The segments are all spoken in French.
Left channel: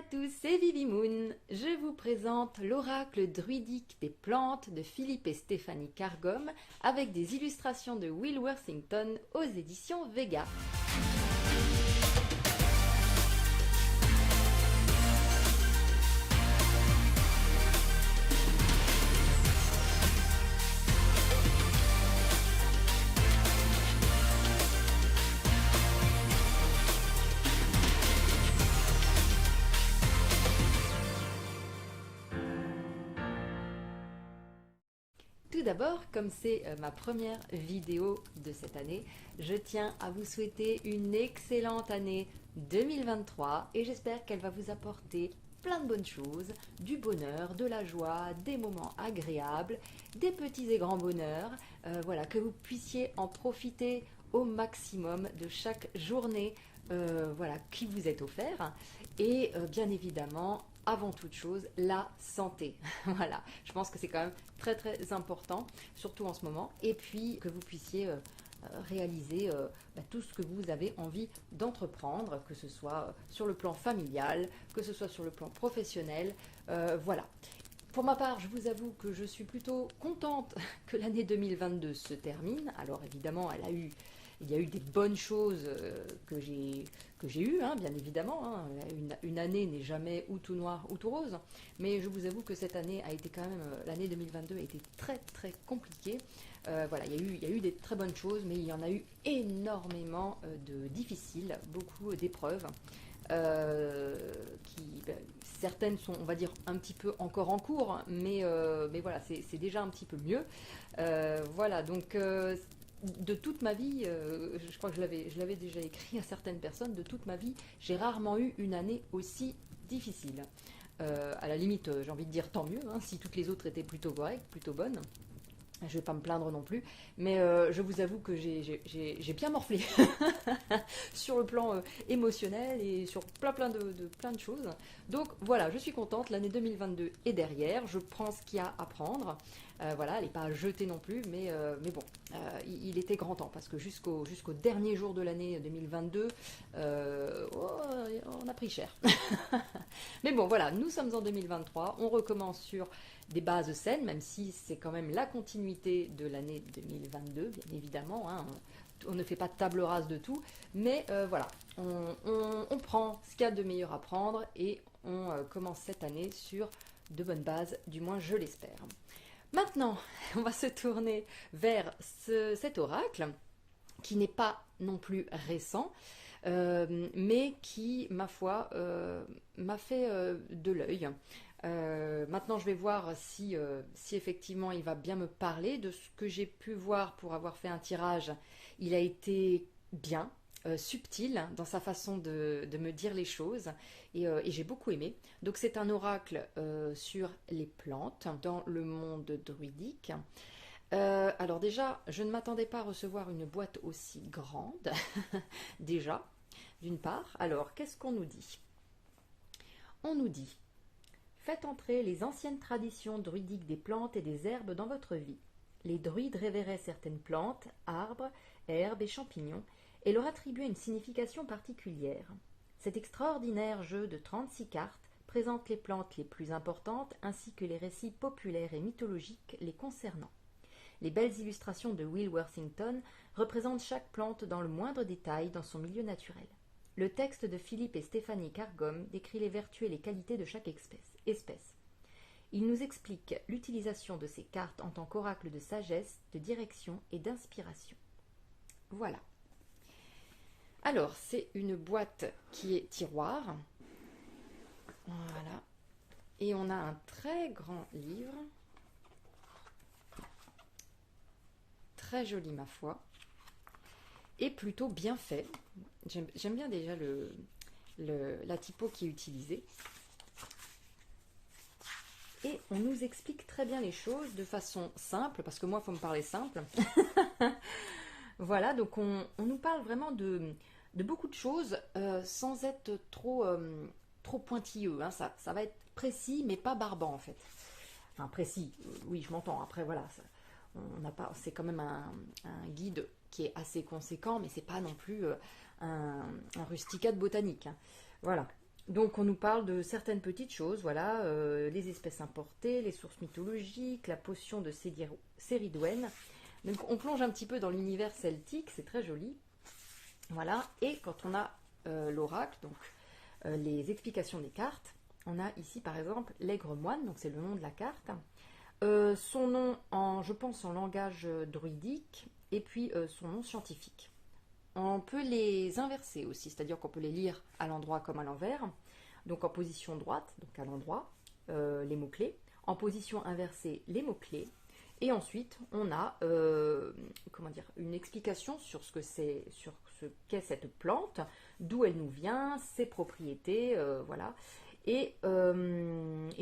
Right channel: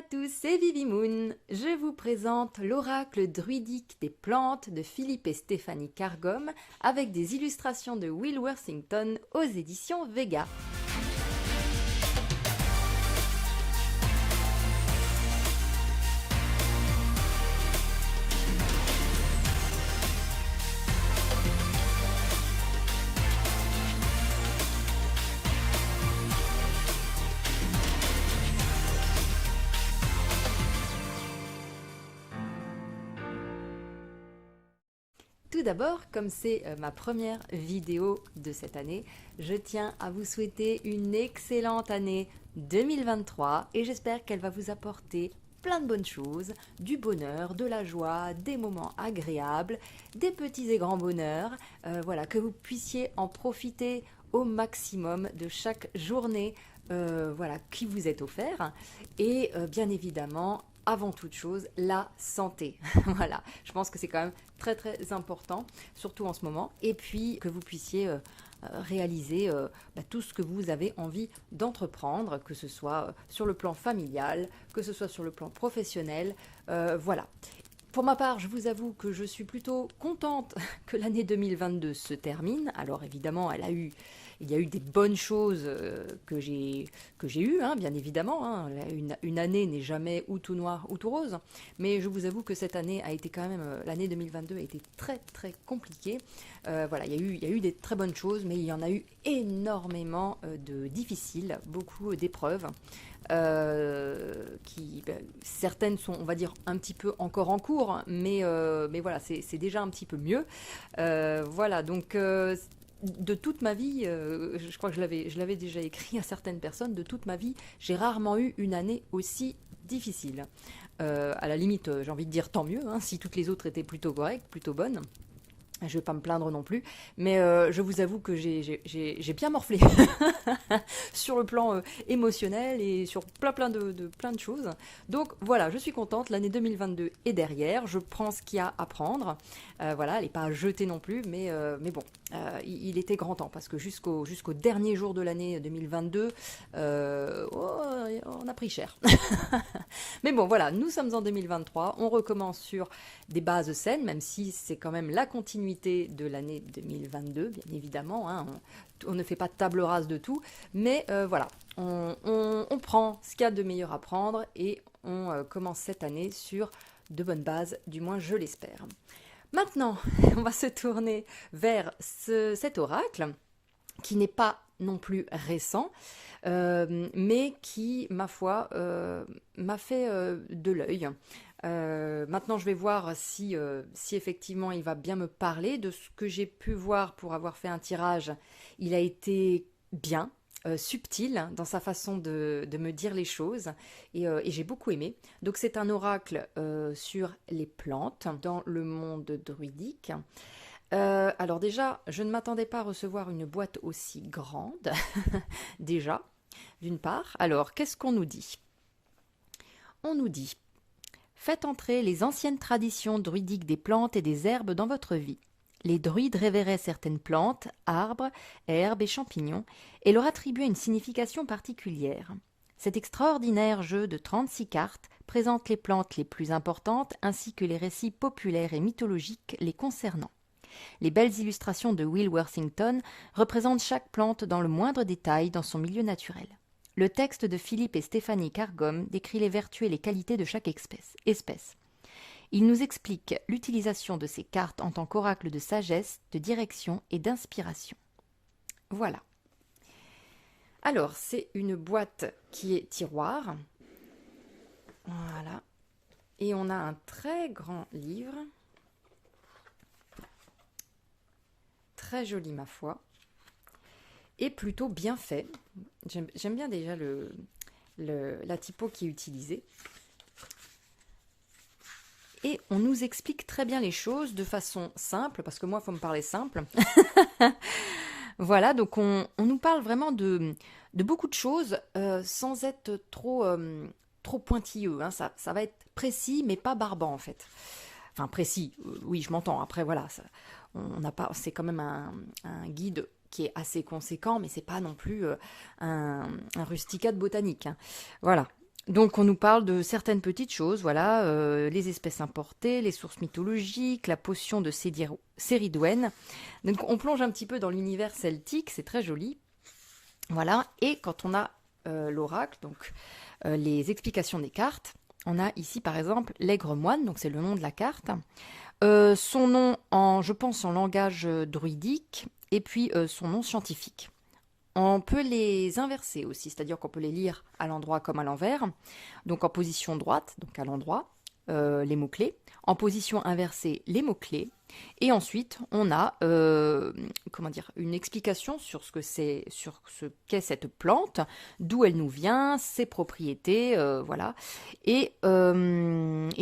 à tous, c'est Vivi Moon. Je vous présente l'oracle druidique des plantes de Philippe et Stéphanie Cargom avec des illustrations de Will Worthington aux éditions Vega. Tout d'abord, comme c'est ma première vidéo de cette année, je tiens à vous souhaiter une excellente année 2023 et j'espère qu'elle va vous apporter plein de bonnes choses, du bonheur, de la joie, des moments agréables, des petits et grands bonheurs, voilà, que vous puissiez en profiter au maximum de chaque journée voilà, qui vous est offert et bien évidemment avant toute chose, la santé. Voilà, je pense que c'est quand même très très important, surtout en ce moment. Et puis que vous puissiez réaliser tout ce que vous avez envie d'entreprendre, que ce soit sur le plan familial, que ce soit sur le plan professionnel. Voilà. Pour ma part, je vous avoue que je suis plutôt contente que l'année 2022 se termine. Alors évidemment, il y a eu des bonnes choses que j'ai eues, hein, bien évidemment. Hein. Une année n'est jamais ou tout noir ou tout rose. Mais je vous avoue que cette année a été quand même, l'année 2022 a été très très compliquée. Voilà, il y a eu des très bonnes choses, mais il y en a eu énormément de difficiles, beaucoup d'épreuves. Certaines sont, on va dire, un petit peu encore en cours, mais voilà, c'est déjà un petit peu mieux. Voilà, donc de toute ma vie, je crois que je l'avais déjà écrit à certaines personnes, de toute ma vie, j'ai rarement eu une année aussi difficile. À la limite, j'ai envie de dire tant mieux, hein, si toutes les autres étaient plutôt correctes, plutôt bonnes. Je ne vais pas me plaindre non plus, mais je vous avoue que j'ai bien morflé sur le plan émotionnel et sur plein de choses. Donc voilà, je suis contente, l'année 2022 est derrière, je prends ce qu'il y a à prendre. Voilà, elle n'est pas à jeter non plus, mais bon, il était grand temps, parce que jusqu'au dernier jour de l'année 2022, on a pris cher. Mais bon, voilà, nous sommes en 2023, on recommence sur des bases saines, même si c'est quand même la continuité de l'année 2022, bien évidemment, hein, on ne fait pas de table rase de tout, mais voilà, on prend ce qu'il y a de meilleur à prendre et on commence cette année sur de bonnes bases, du moins je l'espère. Maintenant, on va se tourner vers cet oracle, qui n'est pas non plus récent, mais qui, ma foi, m'a fait de l'œil. Maintenant, je vais voir si effectivement il va bien me parler. De ce que j'ai pu voir pour avoir fait un tirage, il a été bien, subtil dans sa façon de me dire les choses et j'ai beaucoup aimé. Donc c'est un oracle sur les plantes dans le monde druidique. Alors déjà, je ne m'attendais pas à recevoir une boîte aussi grande, déjà, d'une part. Alors, qu'est-ce qu'on nous dit? On nous dit: faites entrer les anciennes traditions druidiques des plantes et des herbes dans votre vie. Les druides révéraient certaines plantes, arbres, herbes et champignons et leur attribuaient une signification particulière. Cet extraordinaire jeu de 36 cartes présente les plantes les plus importantes ainsi que les récits populaires et mythologiques les concernant. Les belles illustrations de Will Worthington représentent chaque plante dans le moindre détail dans son milieu naturel. Le texte de Philippe et Stéphanie Cargom décrit les vertus et les qualités de chaque espèce. Il nous explique l'utilisation de ces cartes en tant qu'oracle de sagesse, de direction et d'inspiration. Voilà. Alors, c'est une boîte qui est tiroir. Voilà. Et on a un très grand livre. Très joli, ma foi. Et plutôt bien fait. J'aime bien déjà la typo qui est utilisée. Et on nous explique très bien les choses de façon simple, parce que moi, il faut me parler simple. Voilà, donc on nous parle vraiment de beaucoup de choses sans être trop pointilleux. Hein. Ça va être précis, mais pas barbant en fait. Enfin, précis, oui, je m'entends. Après, voilà, c'est quand même un guide qui est assez conséquent, mais c'est pas non plus un rusticat de botanique. Hein. Voilà. Donc on nous parle de certaines petites choses, voilà, les espèces importées, les sources mythologiques, la potion de Céridwen. Donc on plonge un petit peu dans l'univers celtique, c'est très joli. Voilà, et quand on a l'oracle, donc les explications des cartes, on a ici par exemple l'Aigre Moine, donc c'est le nom de la carte. Son nom je pense, en langage druidique, et puis son nom scientifique. On peut les inverser aussi, c'est-à-dire qu'on peut les lire à l'endroit comme à l'envers. Donc en position droite, donc à l'endroit, les mots-clés. En position inversée, les mots-clés. Et ensuite, on a comment dire, une explication sur sur ce qu'est cette plante, d'où elle nous vient, ses propriétés, voilà. Et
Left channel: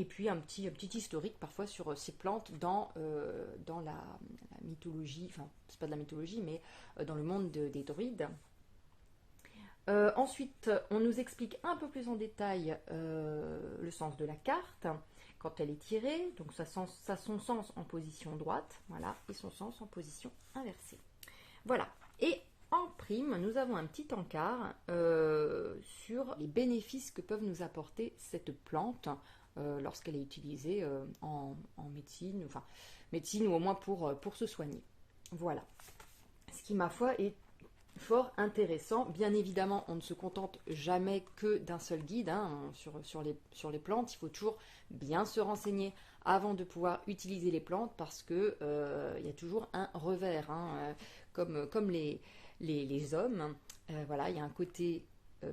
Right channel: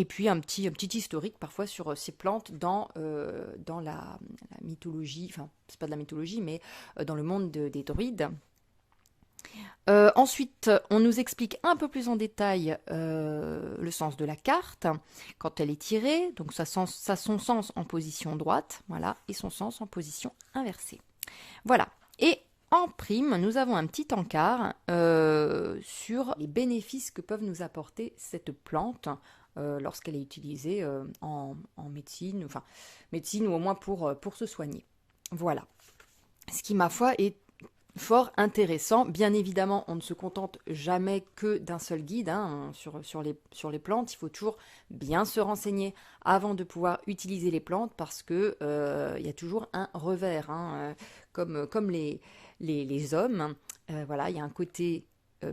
puis un petit historique parfois sur ces plantes dans la mythologie, enfin, c'est pas de la mythologie, mais dans le monde des druides. Ensuite, on nous explique un peu plus en détail le sens de la carte quand elle est tirée. Donc, ça a son sens en position droite, voilà, et son sens en position inversée. Voilà. Et en prime, nous avons un petit encart sur les bénéfices que peuvent nous apporter cette plante lorsqu'elle est utilisée en médecine, enfin, médecine ou au moins pour se soigner. Voilà. Ce qui, ma foi, est fort intéressant. Bien évidemment, on ne se contente jamais que d'un seul guide hein, sur les plantes. Il faut toujours bien se renseigner avant de pouvoir utiliser les plantes parce que il y a toujours un revers, hein, comme les hommes. Voilà, il y a un côté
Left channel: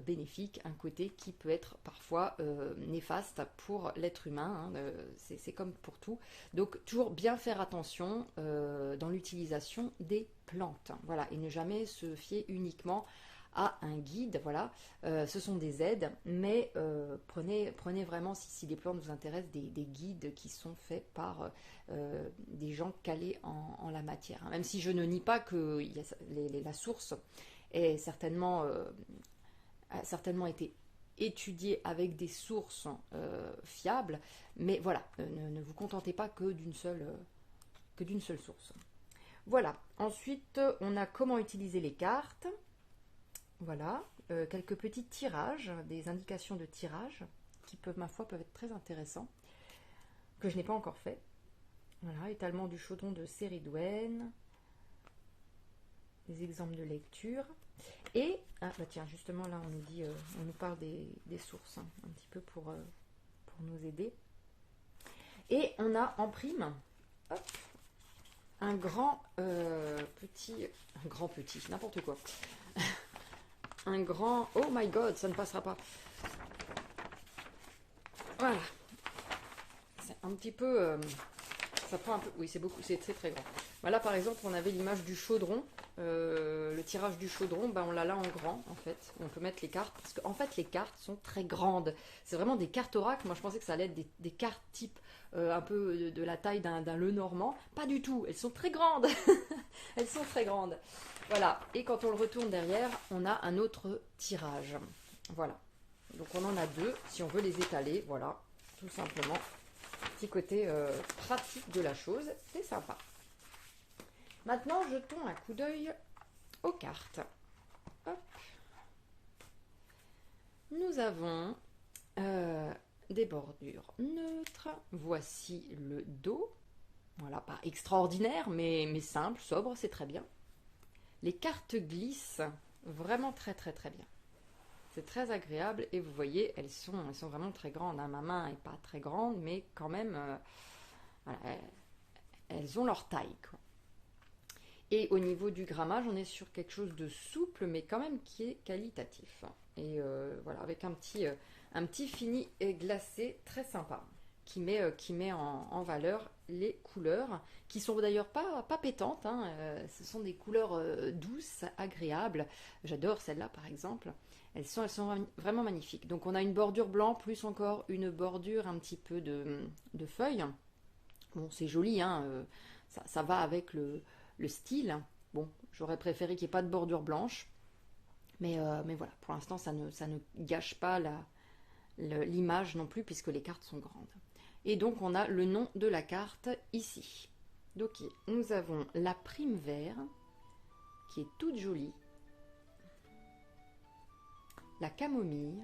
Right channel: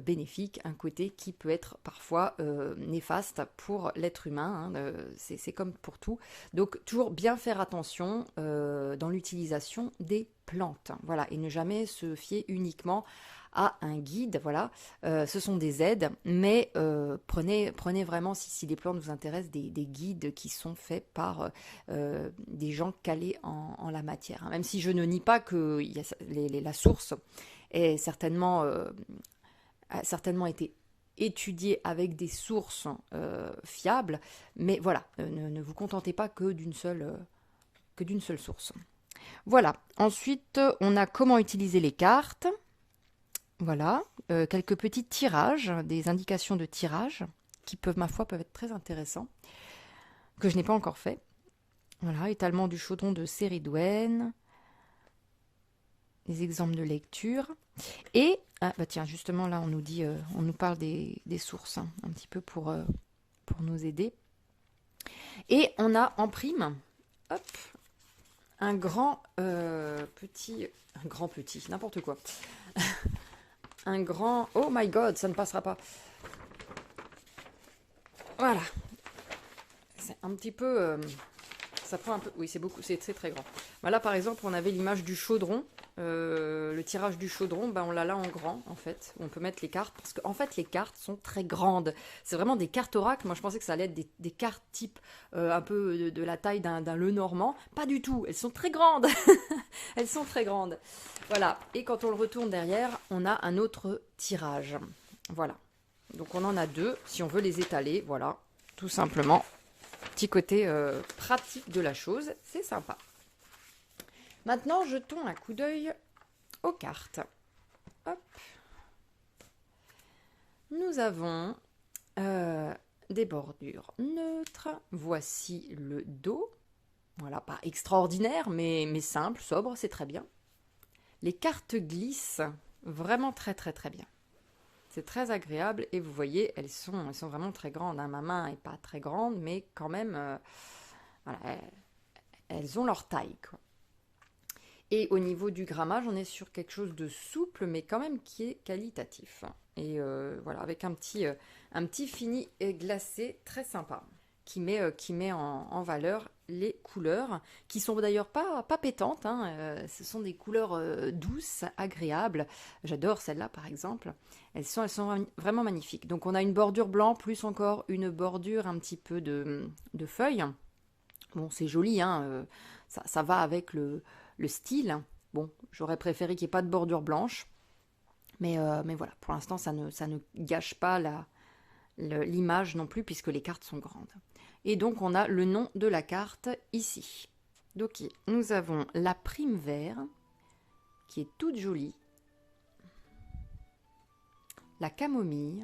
bénéfique, un côté qui peut être parfois néfaste pour l'être humain. Hein, c'est comme pour tout. Donc toujours bien faire attention dans l'utilisation des plantes. Voilà, et ne jamais se fier uniquement à un guide. Voilà, ce sont des aides, mais prenez vraiment, si les plantes vous intéressent, des guides qui sont faits par des gens calés en la matière. Hein. Même si je ne nie pas que la source est a certainement été étudiée avec des sources fiables, mais voilà, ne vous contentez pas que d'une seule source. Voilà, ensuite on a comment utiliser les cartes. Voilà, quelques petits tirages, des indications de tirage qui peuvent, ma foi, peuvent être très intéressants, que je n'ai pas encore fait. Voilà, étalement du chaudron de Céridwen, des exemples de lecture. Et, bah tiens, justement là on nous dit, on nous parle des sources, hein, un petit peu pour nous aider. Et on a en prime, hop, un grand petit, n'importe quoi. Un grand, oh my god, ça ne passera pas. Voilà. C'est un petit peu, ça prend un peu, oui c'est beaucoup, c'est très très grand. Voilà par exemple on avait l'image du chaudron, le tirage du chaudron, ben on l'a là en grand en fait. On peut mettre les cartes parce qu'en fait les cartes sont très grandes. C'est vraiment des cartes oracles. Moi je pensais que ça allait être des cartes type un peu de la taille d'un Lenormand. Pas du tout. Elles sont très grandes. Elles sont très grandes. Voilà. Et quand on le retourne derrière, on a un autre tirage. Voilà. Donc on en a deux. Si on veut les étaler, voilà, tout simplement. Petit côté pratique de la chose, c'est sympa. Maintenant, jetons un coup d'œil aux cartes. Hop. Nous avons des bordures neutres. Voici le dos. Voilà, pas extraordinaire, mais simple, sobre, c'est très bien. Les cartes glissent vraiment très très très bien. C'est très agréable et vous voyez, elles sont vraiment très grandes. Hein. Ma main n'est pas très grande, mais quand même, voilà, elles ont leur taille, quoi. Et au niveau du grammage, on est sur quelque chose de souple, mais quand même qui est qualitatif. Et voilà, avec un petit fini glacé très sympa, qui met en valeur les couleurs, qui sont d'ailleurs pas pétantes. Hein, ce sont des couleurs douces, agréables. J'adore celle-là, par exemple. Elles sont vraiment magnifiques. Donc on a une bordure blanc, plus encore une bordure un petit peu de feuilles. Bon, c'est joli, hein, ça va avec le style. Bon, j'aurais préféré qu'il n'y ait pas de bordure blanche. Mais voilà, pour l'instant, ça ne gâche pas l'image non plus, puisque les cartes sont grandes. Et donc, on a le nom de la carte ici. Donc, nous avons la prime vert, qui est toute jolie. La camomille.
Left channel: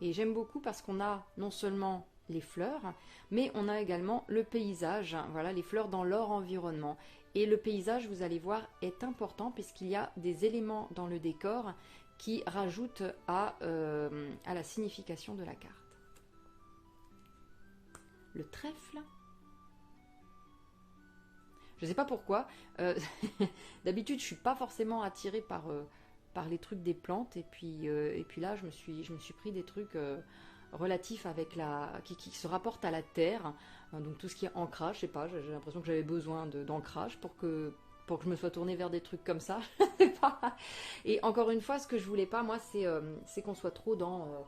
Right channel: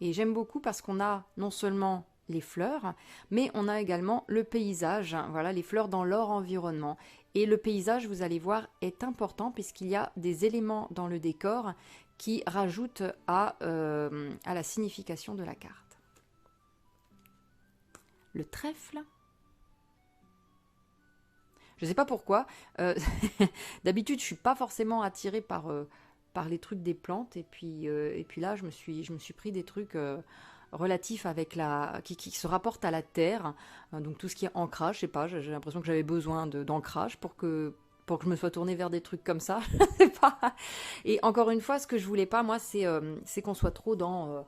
Et j'aime beaucoup parce qu'on a non seulement les fleurs, mais on a également le paysage, hein, voilà, les fleurs dans leur environnement. Et le paysage, vous allez voir, est important puisqu'il y a des éléments dans le décor qui rajoutent à la signification de la carte. Le trèfle. Je ne sais pas pourquoi. D'habitude, je ne suis pas forcément attirée par les trucs des plantes. Et puis là, je me suis pris des trucs relatifs avec qui se rapportent à la terre. Donc tout ce qui est ancrage, je sais pas, j'ai l'impression que j'avais besoin d'ancrage pour que je me sois tournée vers des trucs comme ça. Et encore une fois, ce que je voulais pas, moi, c'est qu'on soit trop dans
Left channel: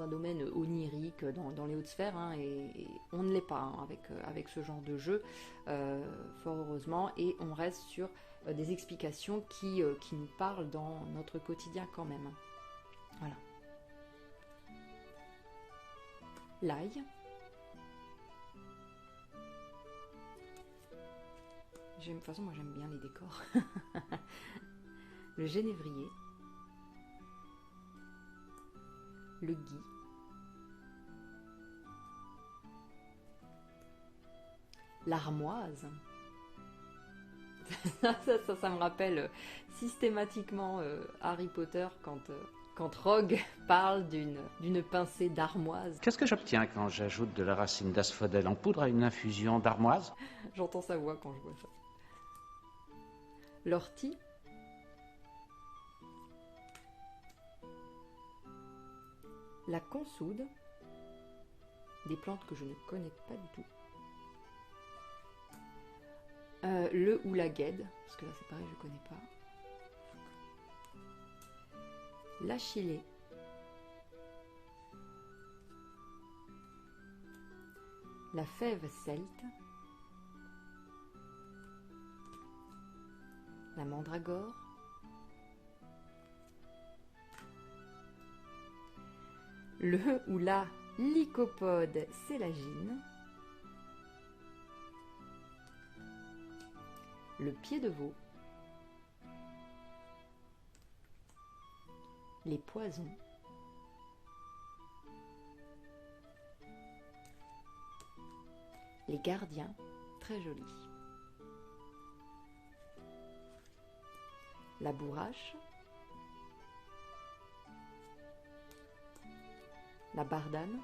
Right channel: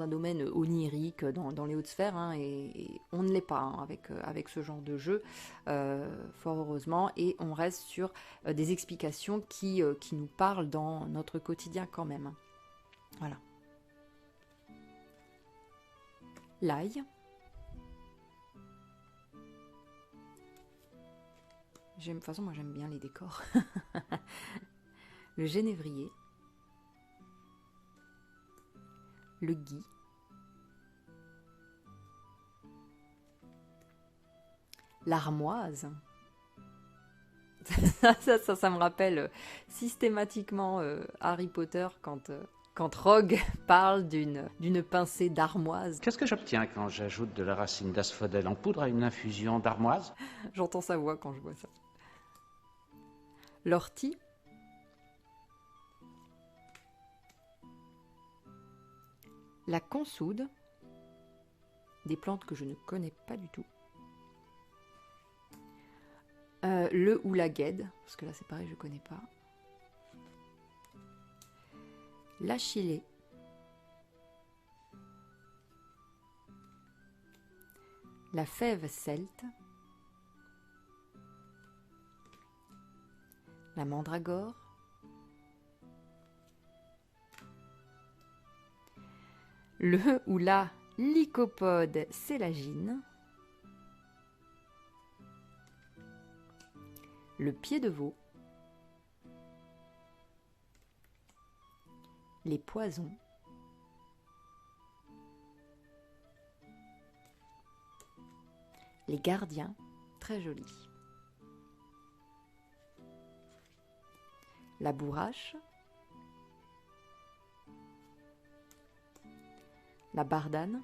un domaine onirique, dans les hautes sphères, hein, et on ne l'est pas hein, avec ce genre de jeu, fort heureusement, et on reste sur des explications qui nous parlent dans notre quotidien quand même. Voilà. L'ail. De toute façon, moi j'aime bien les décors. Le génévrier. Le gui. L'armoise. ça me rappelle systématiquement Harry Potter quand Rogue parle d'une pincée d'armoise. Qu'est-ce que j'obtiens quand j'ajoute de la racine d'asphodèle en poudre à une infusion d'armoise? J'entends sa voix quand je vois ça. L'ortie. La consoude. Des plantes que je ne connais pas du tout. Le ou la guêde, parce que là c'est pareil, je ne connais pas. L'achillée. La fève celte. La mandragore. Le ou la lycopode sélagine. Le pied de veau. Les poisons. Les gardiens, très jolis. La bourrache. La bardane.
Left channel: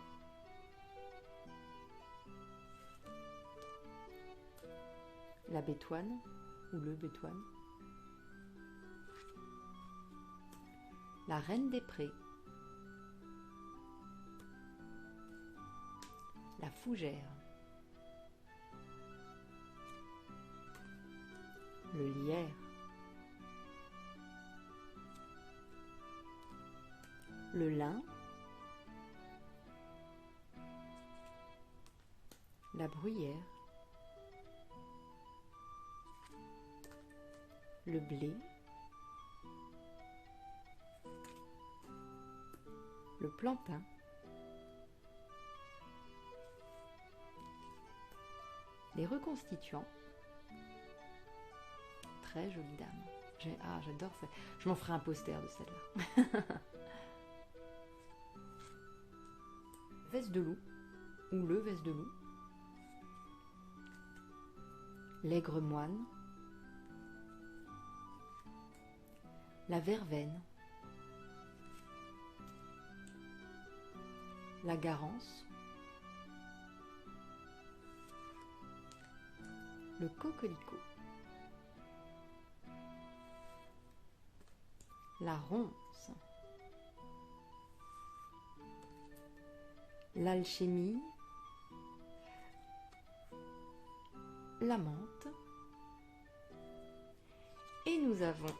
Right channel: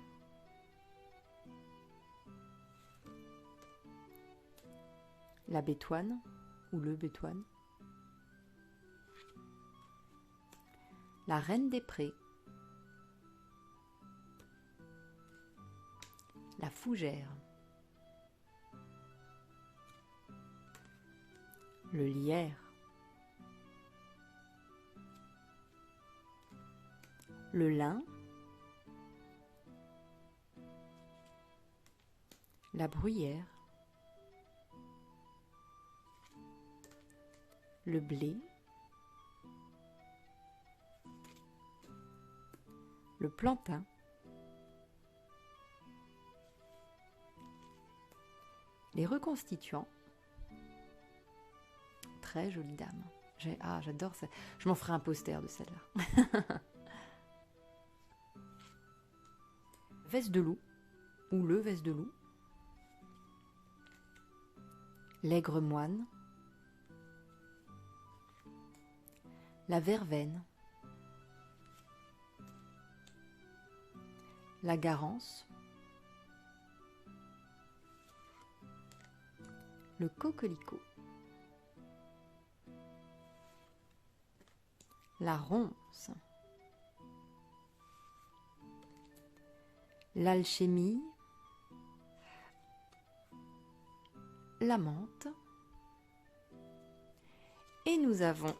La bétoine ou le bétoine. La reine des prés. La fougère. Le lierre. Le lin. La bruyère. Le blé. Le plantain. Les reconstituants. Très jolie dame. J'adore ça. Je m'en ferai un poster de celle-là. Veste de loup ou le veste de loup. L'aigre moine. La verveine. La garance. Le coquelicot. La ronce. L'alchimie. La menthe. Et nous avons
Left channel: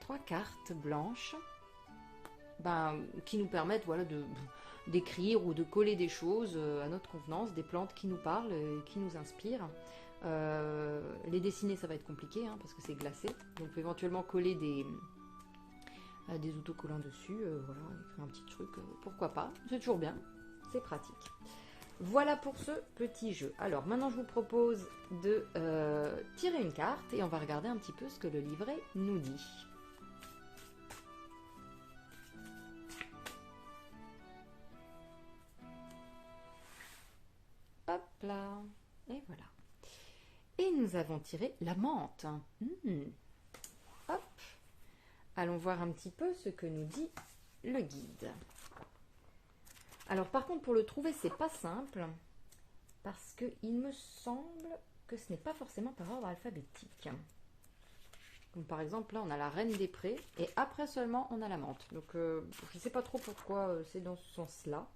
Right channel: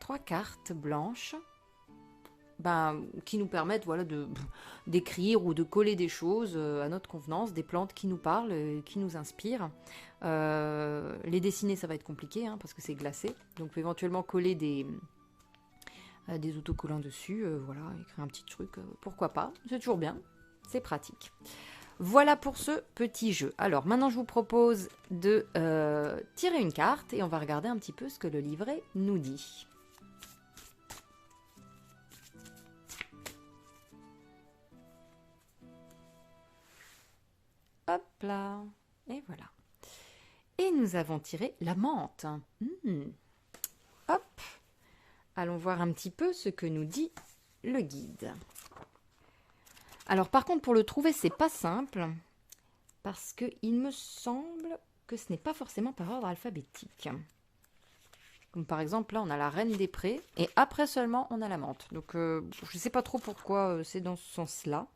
3 cartes blanches qui nous permettent d'écrire ou de coller des choses à notre convenance, des plantes qui nous parlent, qui nous inspirent. Les dessiner, ça va être compliqué parce que c'est glacé. Donc, on peut éventuellement coller des autocollants dessus, écrire un petit truc, pourquoi pas. C'est toujours bien, c'est pratique. Voilà pour ce petit jeu. Alors, maintenant, je vous propose de tirer une carte et on va regarder un petit peu ce que le livret nous dit. Hop là. Et voilà. Et nous avons tiré la menthe. Hop. Allons voir un petit peu ce que nous dit le guide. Alors par contre, pour le trouver, c'est pas simple. Parce qu'il me semble que ce n'est pas forcément par ordre alphabétique. Comme par exemple, là, on a la Reine des Prés, et après seulement, on a la menthe. Donc, je ne sais pas trop pourquoi c'est dans ce sens-là.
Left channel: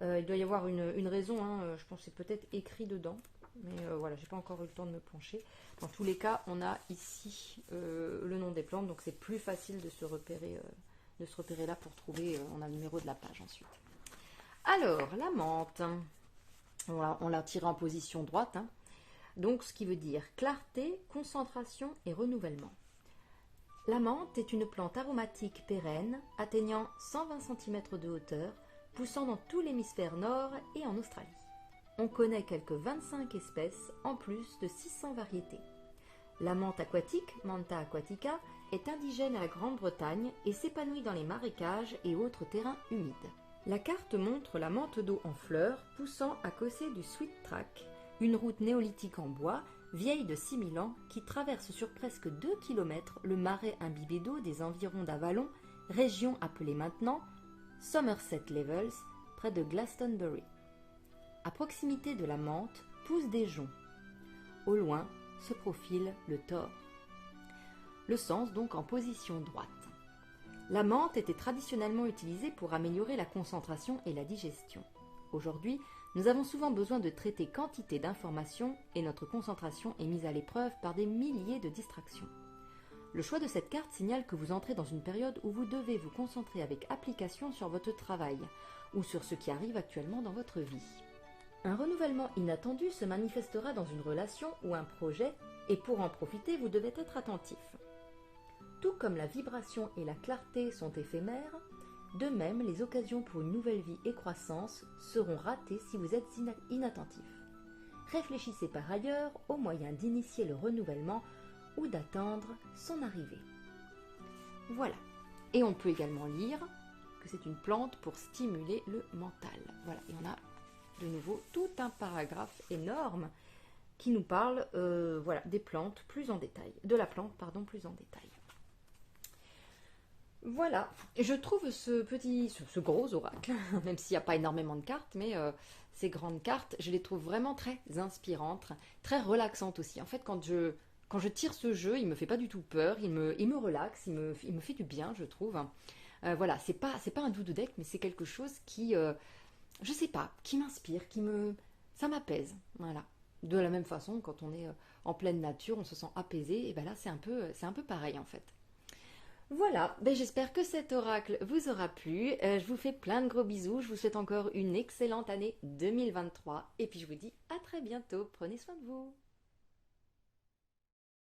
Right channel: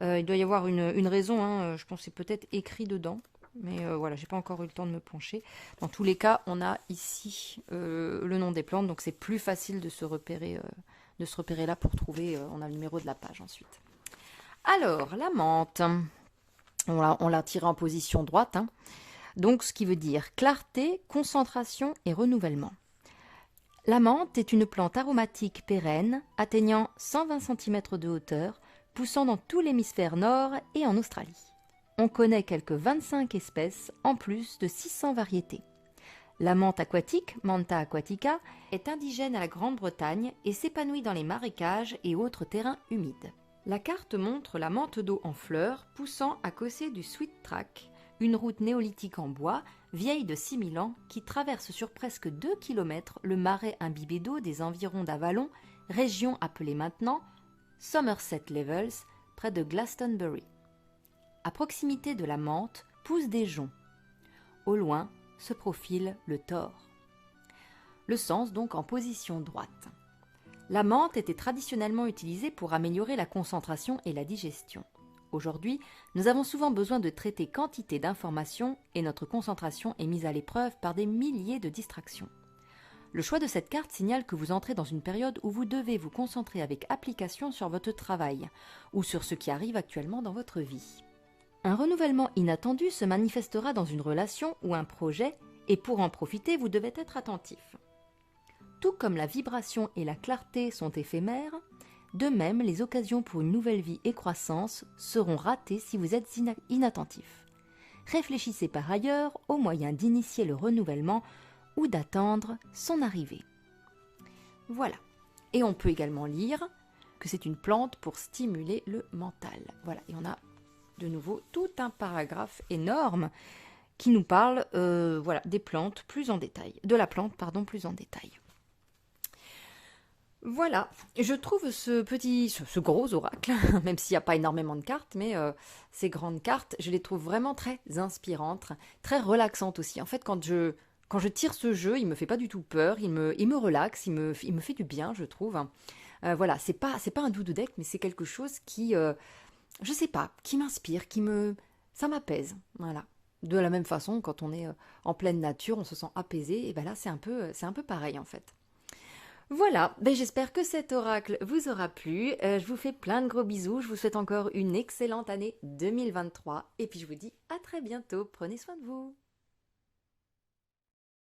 Il doit y avoir une raison, hein, je pense que c'est peut-être écrit dedans. Mais voilà, j'ai pas encore eu le temps de me pencher. Dans tous les cas, on a ici le nom des plantes, donc c'est plus facile de se repérer là pour trouver, on a le numéro de la page ensuite. Alors, la menthe, on l'a tirée en position droite, hein. Donc ce qui veut dire clarté, concentration et renouvellement. La menthe est une plante aromatique pérenne, atteignant 120 cm de hauteur, poussant dans tout l'hémisphère nord et en Australie. On connaît quelques 25 espèces, en plus de 600 variétés. La menthe aquatique, Mentha aquatica, est indigène à la Grande-Bretagne et s'épanouit dans les marécages et autres terrains humides. La carte montre la menthe d'eau en fleurs poussant à côté du Sweet Track, une route néolithique en bois, vieille de 6000 ans, qui traverse sur presque 2 km le marais imbibé d'eau des environs d'Avalon, région appelée maintenant Somerset Levels, près de Glastonbury. À proximité de la menthe poussent des joncs. Au loin se profile le Thor. Le sens donc en position droite. La menthe était traditionnellement utilisée pour améliorer la concentration et la digestion. Aujourd'hui, nous avons souvent besoin de traiter quantité d'informations et notre concentration est mise à l'épreuve par des milliers de distractions. Le choix de cette carte signale que vous entrez dans une période où vous devez vous concentrer avec application sur votre travail ou sur ce qui arrive actuellement dans votre vie. Un renouvellement inattendu se manifestera dans une relation ou un projet et pour en profiter, vous devez être attentif. Tout comme la vibration et la clarté sont éphémères, de même, les occasions pour une nouvelle vie et croissance seront ratées si vous êtes inattentif. Réfléchissez par ailleurs aux moyens d'initier le renouvellement ou d'attendre son arrivée. Voilà. Et on peut également lire que c'est une plante pour stimuler le mental. Voilà. Et on a de nouveau tout un paragraphe énorme qui nous parle des plantes plus en détail, de la plante plus en détail. Voilà, je trouve ce gros oracle, même s'il n'y a pas énormément de cartes, mais ces grandes cartes, je les trouve vraiment très inspirantes, très relaxantes aussi. En fait, quand je tire ce jeu, il me fait pas du tout peur, il me relaxe, il me fait du bien, je trouve. Voilà, c'est pas un doudou deck, mais c'est quelque chose qui, je sais pas, qui m'inspire, ça m'apaise. Voilà. De la même façon, quand on est en pleine nature, on se sent apaisé, et ben là, c'est un peu pareil en fait. Voilà, j'espère que cet oracle vous aura plu. Je vous fais plein de gros bisous. Je vous souhaite encore une excellente année 2023. Et puis je vous dis à très bientôt. Prenez soin de vous.